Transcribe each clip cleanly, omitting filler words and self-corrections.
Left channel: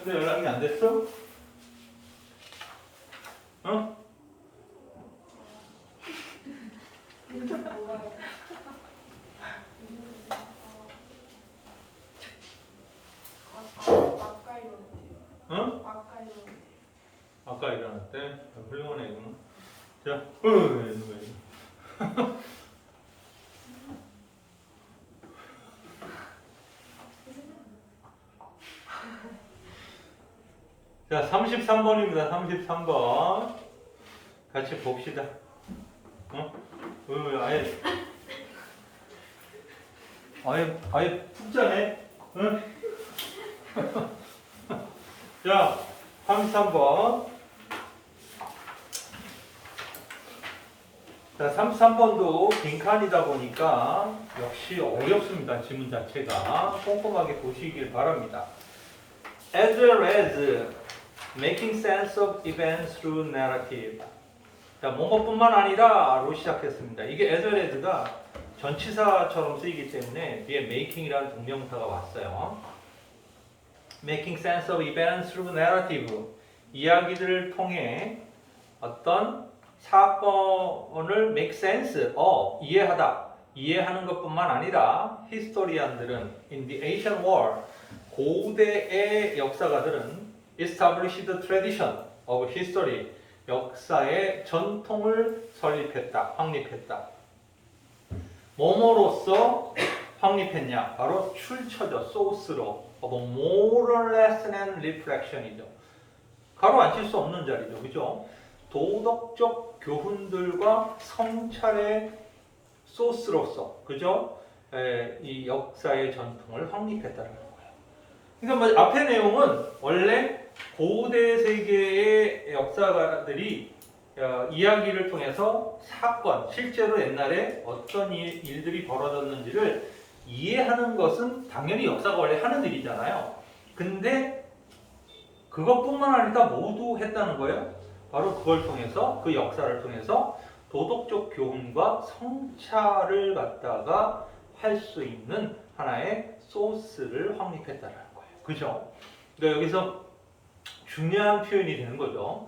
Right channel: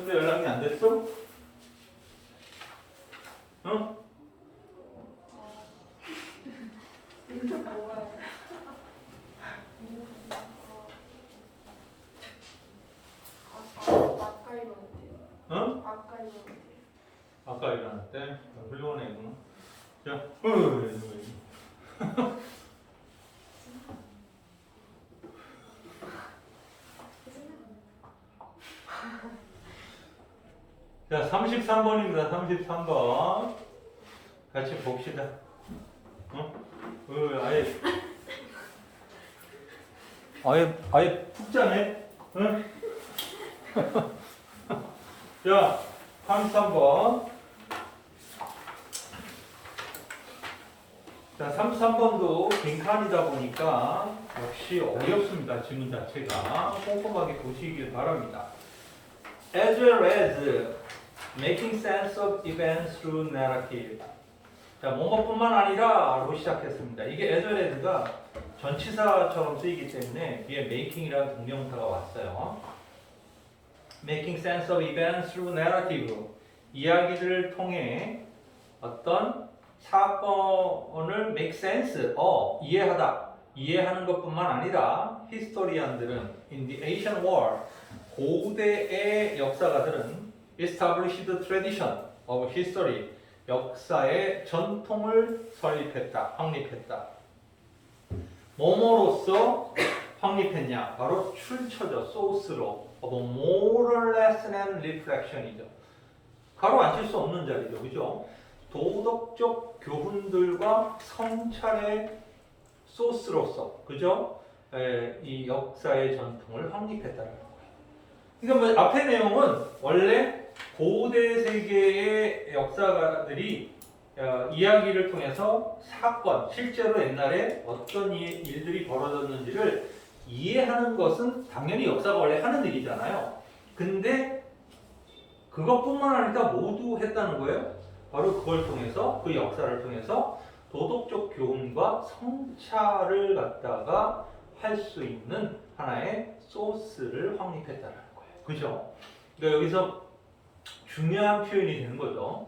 근데 연락이 안 됐어? 응? 응? 아까 일어났대? 훌륭하네 이거. 자, 자, 33번입니다. 33번. 같이 봅시다. 아예 푹 자네. 응? 자, 33번. 자, 33번도 빈칸이다 보니까 역시 어렵습니다. 지문 자체가. 꼼꼼하게 보시길 바랍니다. As well as making sense of events through narrative. 자, 뭐뭐뿐만 아니라로 시작했습니다. 이게 as well as가 전치사처럼 쓰이기 때문에 뒤에 making이라는 동명사가 왔어요. Making sense of events through narrative. 이야기들을 통해 어떤 사건을 make sense, 이해하는 것뿐만 아니라 히스토리안들은 in the ancient world, 고대의 역사가들은 established tradition of history, 역사의 전통을 설립했다, 확립했다. 뭐뭐로써 확립했냐? 바로 출처죠, 소스로. moral lesson and reflection이죠. 가로 안 칠 수 없는 자리죠, 그죠? 도덕적 교훈들과 성찰의 소스로서, 그죠? 이 역사의 전통을 확립했다는 거예요. 그러니까 뭐 앞의 내용은 원래 고대 세계의 역사가들이 이야기를 통해서 사건, 실제로 옛날에 어떤 일들이 벌어졌는지를 이해하는 것은 당연히 역사가 원래 하는 일이잖아요. 근데 그것뿐만 아니라 모두 했다는 거예요. 바로 그걸 통해서, 그 역사를 통해서 도덕적 교훈과 성찰을 갖다가 할 수 있는 하나의 소스를 확립했다는 거예요. 그죠? 그러니까 여기서 중요한 표현이 되는 거죠.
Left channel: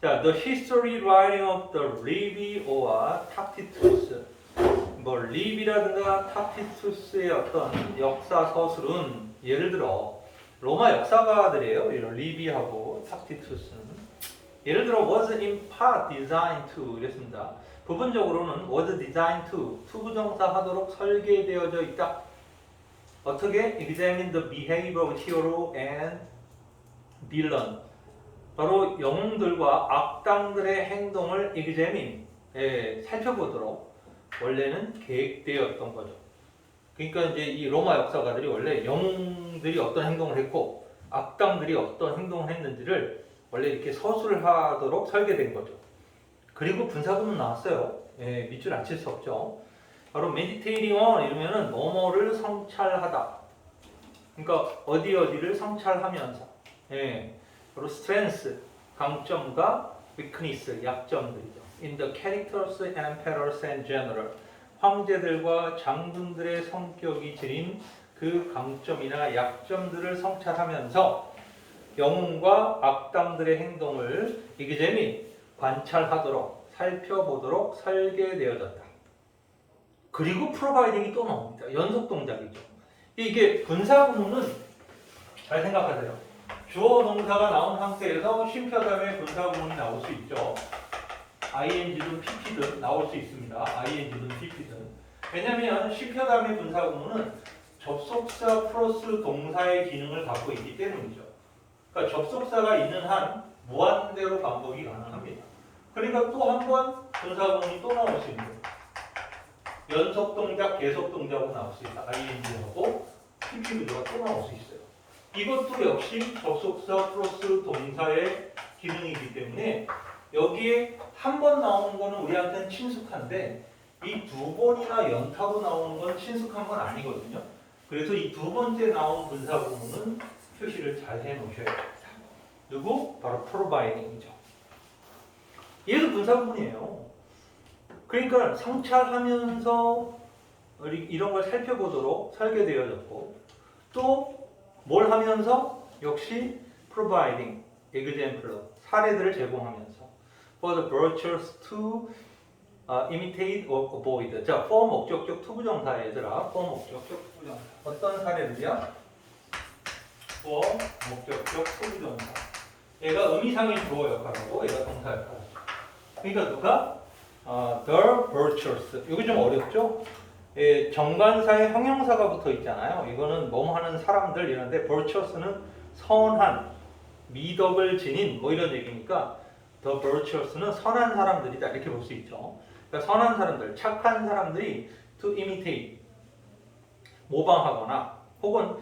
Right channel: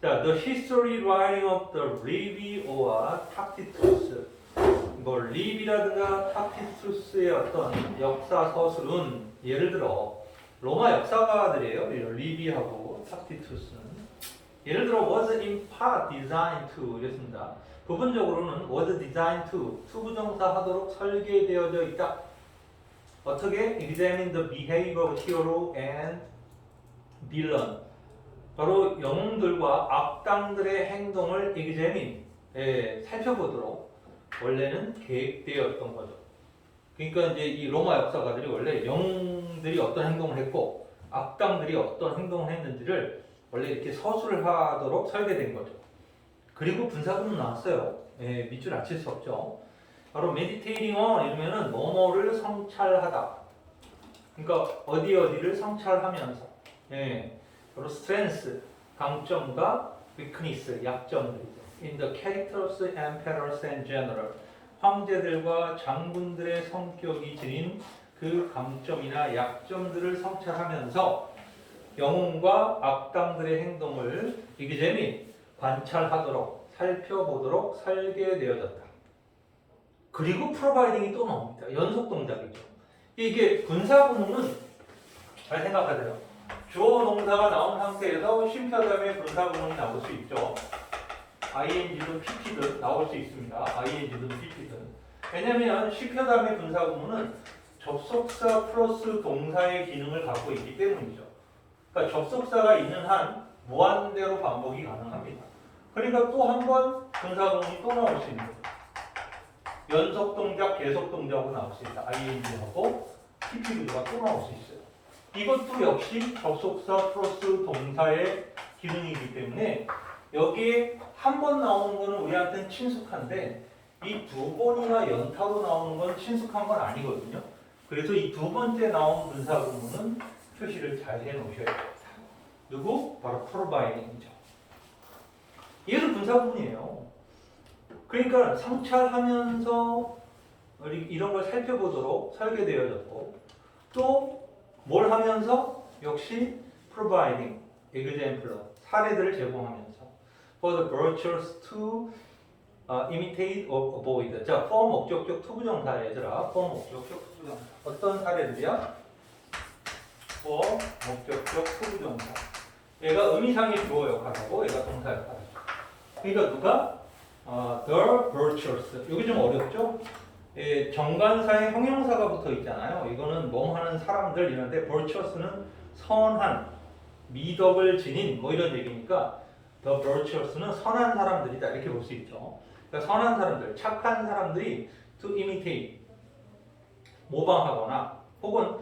자, the history writing of the Livy or Tacitus. 뭐 리비라든가 타시투스의 어떤 역사 서술은 예를 들어 로마 역사가들이에요. 이런 리비하고 타시투스는 예를 들어 was in part designed to 이랬습니다. 부분적으로는 was designed to 투부정사 하도록 설계되어져 있다. 어떻게? examine the behavior of hero and villain. 바로 영웅들과 악당들의 행동을 examine, 살펴보도록 원래는 계획되었던 거죠. 그러니까 이제 이 로마 역사가들이 원래 영웅들이 어떤 행동을 했고 악당들이 어떤 행동을 했는지를 원래 이렇게 서술을 하도록 설계된 거죠. 그리고 분사구문 나왔어요. 밑줄 안 칠 수 없죠. 바로 meditating on 이러면은 뭐뭐를 성찰하다. 그러니까 어디를 성찰하면서. 바로 strength, 강점과 weakness, 약점들이죠. In the characters, emperors and general. 황제들과 장군들의 성격이 지닌 그 강점이나 약점들을 성찰하면서 영웅과 악당들의 행동을 examine, 관찰하도록, 살펴보도록 설계되어졌다. 그리고 providing이 또 나옵니다. 연속 동작이죠. 이게 분사구문은 잘 생각하세요. 주어 동사가 나온 상태에서 쉼표 다음에 분사구문이 나올 수 있죠. ing든 pp든 나올 수 있습니다. ing든 pp든. 왜냐하면 쉼표 다음에 분사구문은 접속사 플러스 동사의 기능을 갖고 있기 때문이죠. 그러니까 접속사가 있는 한 무한대로 반복이 가능합니다. 그러니까 또 한 번 분사구문이 또 나올 수 있는 거예요. 연속 동작, 계속 동작으로 나올 수 있다. ing하고 pp가 또 나올 수 있어요. 이것도 역시 접속사 플러스 동사의 기능이기 때문에 여기에 한 번 나오는 거는 우리한테는 친숙한데 이 두 번이나 연타로 나오는 건 친숙한 건 아니거든요. 그래서 이 두 번째 나온 분사 구문은 표시를 잘 해놓으셔야 됩니다. 누구? 바로 providing이죠. 얘도 분사 구문이에요. 그러니까 성찰하면서 이런 걸 살펴보도록 설계되어졌고 또 뭘 하면서 역시 providing example 사례들을 제공하면서 for the virtuous to imitate or avoid. 자, for 목적격 투부정사 얘들아. for 목적격 투부정사. 어떤 사례들이야? for 목적격 투부정사. 얘가 의미상의 주어 역할하고 얘가 동사 역할하죠. 그러니까 누가? the virtuous. 이거 좀 어렵죠? 예, 정관사에 형용사가 붙어 있잖아요. 이거는 뭐뭐 하는 사람들 이런데 virtuous는 선한, 미덕을 지닌 뭐 이런 얘기니까 the virtuous는 선한 사람들이다 이렇게 볼 수 있죠. 그러니까 선한 사람들, 착한 사람들이 to imitate 모방하거나 혹은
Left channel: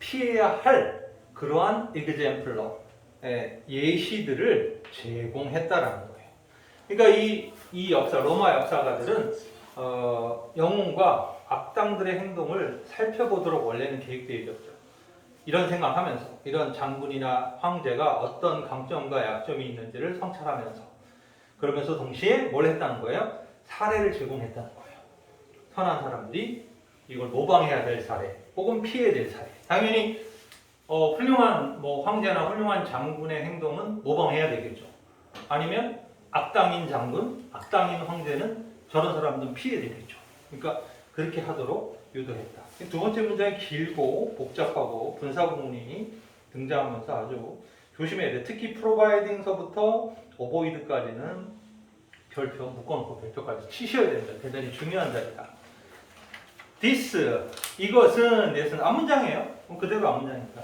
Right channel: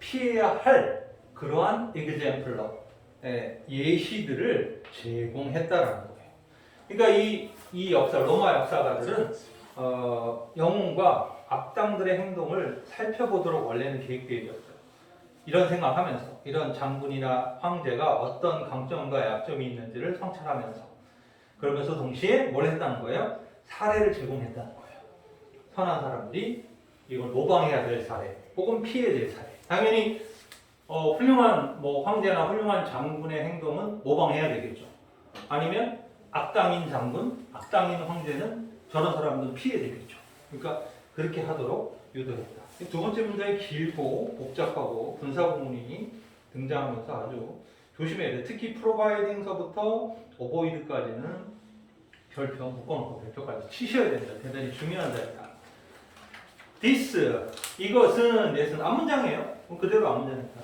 피해야 할 그러한 example로 예시들을 제공했다라는 거예요. 그러니까 이 역사 로마 역사가들은 영웅과 악당들의 행동을 살펴보도록 원래는 계획되어 있었죠. 이런 생각하면서 이런 장군이나 황제가 어떤 강점과 약점이 있는지를 성찰하면서 그러면서 동시에 뭘 했다는 거예요? 사례를 제공했다는 거예요. 선한 사람들이 이걸 모방해야 될 사례 혹은 피해야 될 사례. 당연히 훌륭한 뭐 황제나 훌륭한 장군의 행동은 모방해야 되겠죠. 아니면 악당인 장군, 악당인 황제는 저런 사람들은 피해야 되겠죠. 그러니까 그렇게 하도록 유도했다. 두 번째 문장이 길고 복잡하고 분사구문이 등장하면서 아주 조심해야 돼. 특히 providing서부터 avoid까지는 결표 묶어놓고 결표까지 치셔야 됩니다. 대단히 중요한 자리다. this 이것은 넷은 앞문장이에요. 그럼 그대로 앞문장이니까.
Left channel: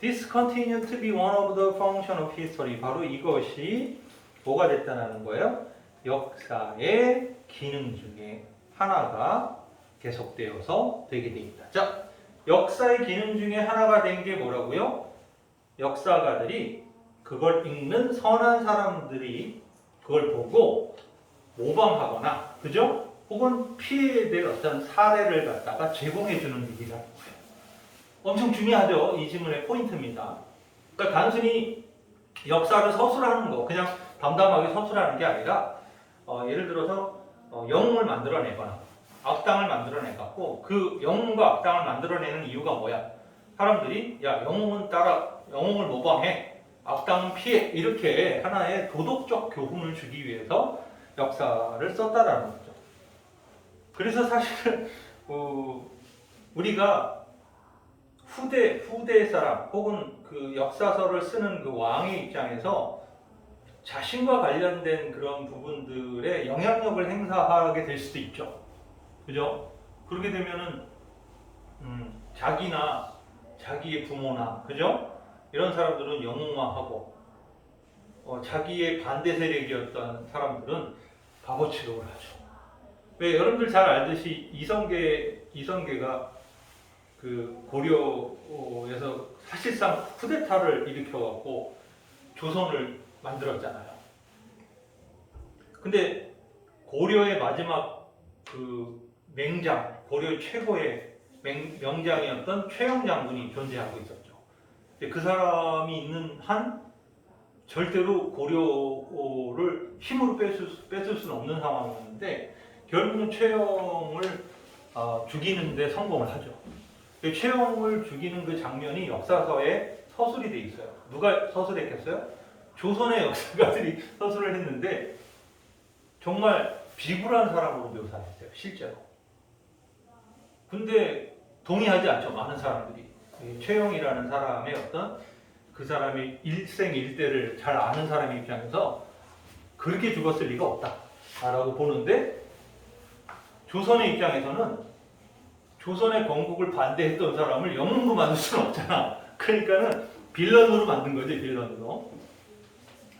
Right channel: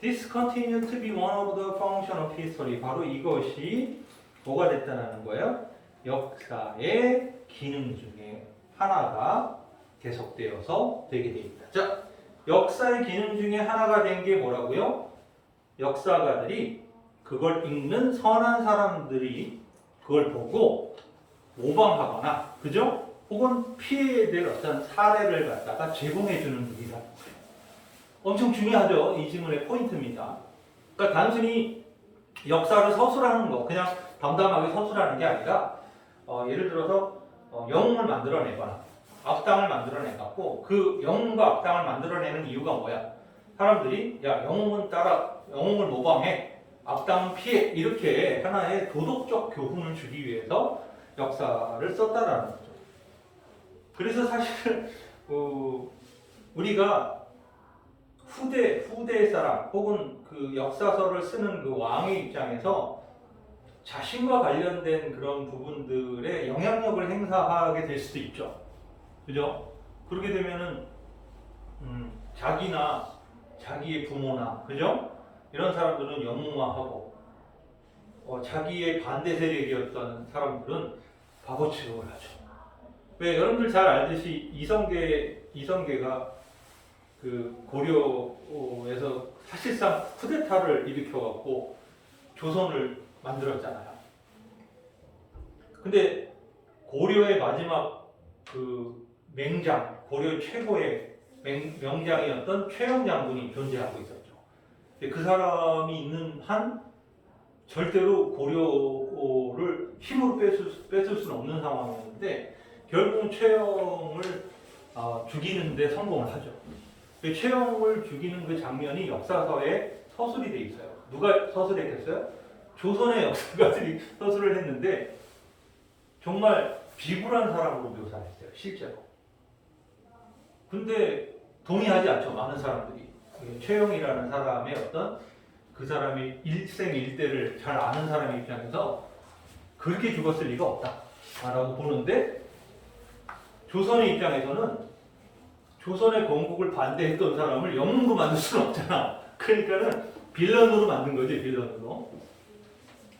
This continued to be one of the function of history. 바로 이것이 뭐가 됐다는 거예요? 역사의 기능 중에 하나가 계속되어서 되게 됩니다. 자, 역사의 기능 중에 하나가 된 게 뭐라고요? 역사가들이 그걸 읽는 선한 사람들이 그걸 보고 모방하거나, 그죠? 혹은 피해에 대한 어떤 사례를 갖다가 제공해주는 일이라는 거예요. 엄청 중요하죠? 이 지문의 포인트입니다. 그러니까 단순히 역사를 서술하는 거, 그냥 담담하게 서술하는 게 아니라 예를 들어서 영웅을 만들어내거나 악당을 만들어내갖고 그 영웅과 악당을 만들어내는 이유가 뭐야? 사람들이 야 영웅을 모방해, 악당은 피해, 이렇게 하나의 도덕적 교훈을 주기 위해서 역사를 썼다라는 거죠. 그래서 사실은 우리가 후대 사람 혹은 그 역사서를 쓰는 그 왕의 입장에서 자신과 관련된 그런 부분들에 영향력을 행사하게 될 수도 있죠. 그죠? 그렇게 되면은 자기나 자기의 부모나, 그죠? 이런 사람들은 영웅화하고 자기의 반대 세력이었던 사람들은 바보 취급을 하죠. 왜 여러분들 잘 알듯이 이성계가 그 고려에서 사실상 쿠데타를 일으켜갖고 조선을 만들었잖아요. 근데 고려의 마지막 그 맹장, 고려 최고의 명장이었던 최영 장군이 존재하고 있었죠. 근데 그 사람이 있는 한 절대로 고려를 힘으로 뺏을 수는 없는 상황이었는데 결국은 최영을 죽이는 데 성공을 하죠. 최영을 죽이는 그 장면이 역사서에 서술이 돼 있어요. 누가 서술했겠어요? 조선의 역사가들이 서술을 했는데 정말 비굴한 사람으로 묘사했어요. 실제로. 근데 동의하지 않죠. 많은 사람들이. 최영이라는 사람의 어떤 그 사람의 일생일대를 잘 아는 사람의 입장에서 그렇게 죽었을 리가 없다라고 보는데 조선의 입장에서는 조선의 건국을 반대했던 사람을 영웅으로 만들 수는 없잖아. 그러니까는 빌런으로 만든 거지, 빌런으로.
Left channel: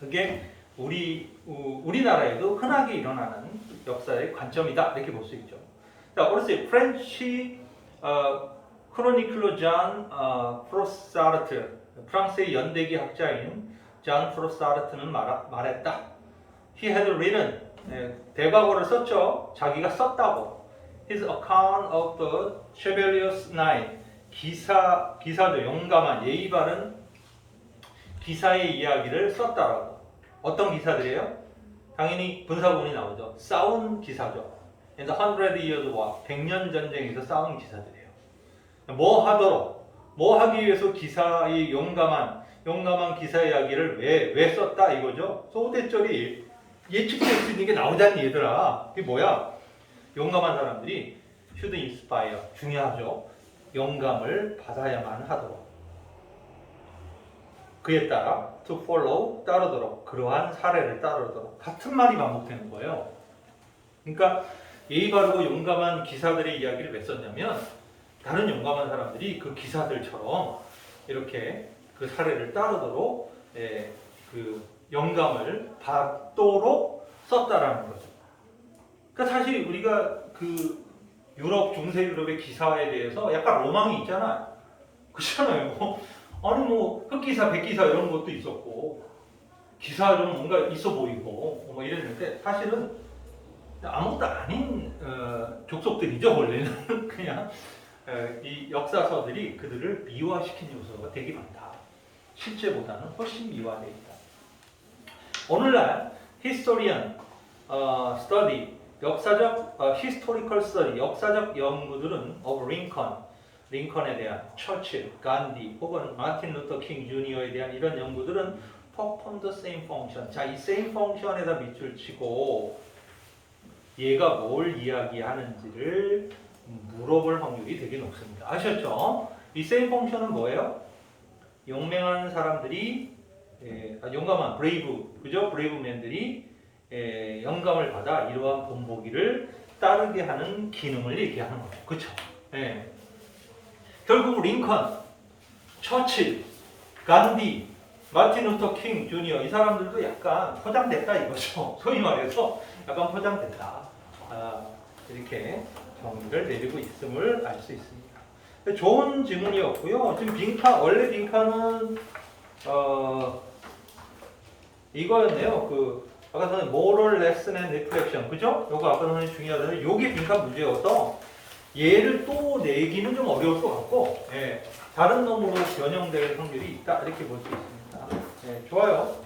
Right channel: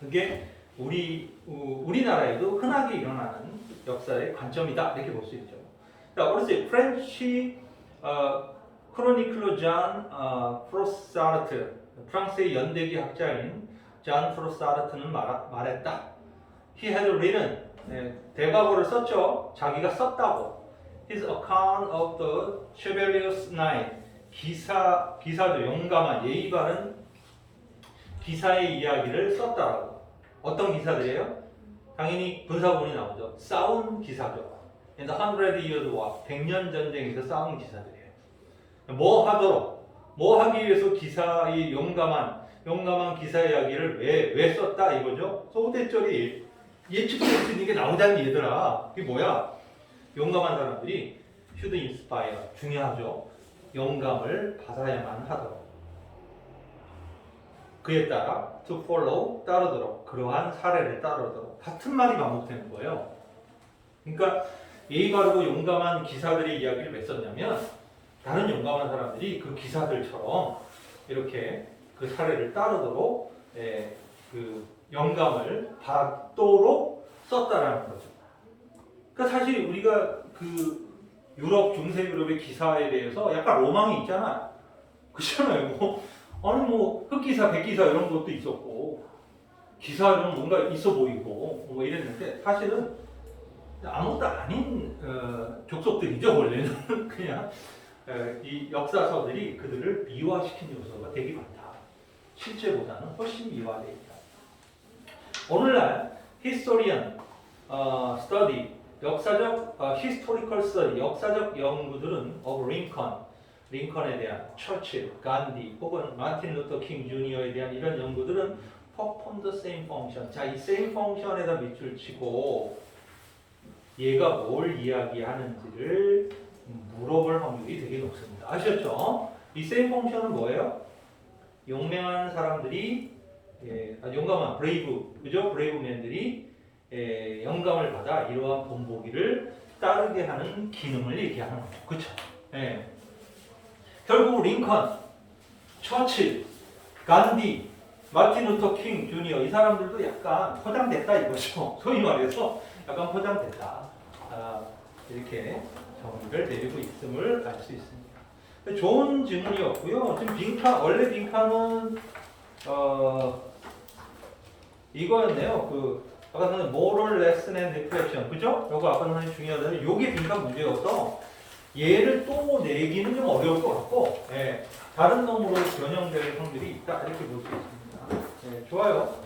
그게 우리나라에도 흔하게 일어나는 역사의 관점이다 이렇게 볼 수 있죠. 자, 어렸을 때 프렌치 크로니클러 잔 프로사르트, 프랑스의 연대기 학자인 잔 프로사르트는 말했다. He had written, 대과거를 썼죠. 자기가 썼다고. His account of the chivalrous knight, 기사죠. 용감한 예의 바른 기사의 이야기를 썼다라고. 어떤 기사들이에요? 당연히 분사구문이 나오죠. 싸운 기사죠. 그래서 100 years war, 100년 전쟁에서 싸운 기사들이에요. 뭐 하도록, 뭐 하기 위해서 기사 이 용감한 기사 이야기를 왜 썼다 이거죠. 소대절이 예측될 수 있는 게 나오다니 얘들아. 이게 뭐야? 용감한 사람들이 should inspire 중요하죠. 영감을 받아야만 하도록. 그에 따라 to follow 따르도록 그러한 사례를 따르도록 같은 말이 반복되는 거예요. 그러니까 예의 바르고 용감한 기사들의 이야기를 왜 썼냐면 다른 용감한 사람들이 그 기사들처럼 이렇게 그 사례를 따르도록 그 영감을 받도록 썼다라는 거죠. 그러니까 사실 우리가 그 유럽 중세 유럽의 기사에 대해서 약간 로망이 있잖아요. 그렇잖아요. 아니 흑기사, 백기사 이런 것도 있었고 기사 좀 뭔가 있어 보이고 뭐 이랬는데 사실은 아무것도 아닌 족속들이죠. 원래는 그냥 이 역사서들이 그들을 미화시킨 요소가 되게 많다. 실제보다는 훨씬 미화되어 있다. 오늘날 historian study 역사적 historical study 역사적 연구들은 of 링컨에 대한 처칠, 간디 혹은 마틴 루터 킹 주니어에 대한 이런 연구들은 perform the same function. 자, 이 same function에다 밑줄 치고 얘가 뭘 이야기하는지를 물어볼 확률이 되게 높습니다. 아셨죠? 이 same function은 뭐예요? 용맹한 사람들이 용감한 브레이브, 그죠? 브레이브맨들이 영감을 받아 이러한 본보기를 따르게 하는 기능을 얘기하는 거죠. 그렇죠? 예. 결국 링컨, 처칠, 간디, 마틴 루터 킹 주니어 이 사람들도 약간 포장됐다 이거죠. 소위 말해서 약간 포장됐다. 이렇게 정의를 내리고 있음을 알 수 있습니다. 좋은 질문이었고요. 지금 원래 빈칸은 이거였네요. 아까 전에 moral lesson and reflection, 그죠? 요거 아까 전에 중요하다는 요게 빈칸 문제여서 얘를 또 내기는 좀 어려울 것 같고, 다른 놈으로 변형될 확률이 있다 이렇게 볼 수 있습니다. 좋아요.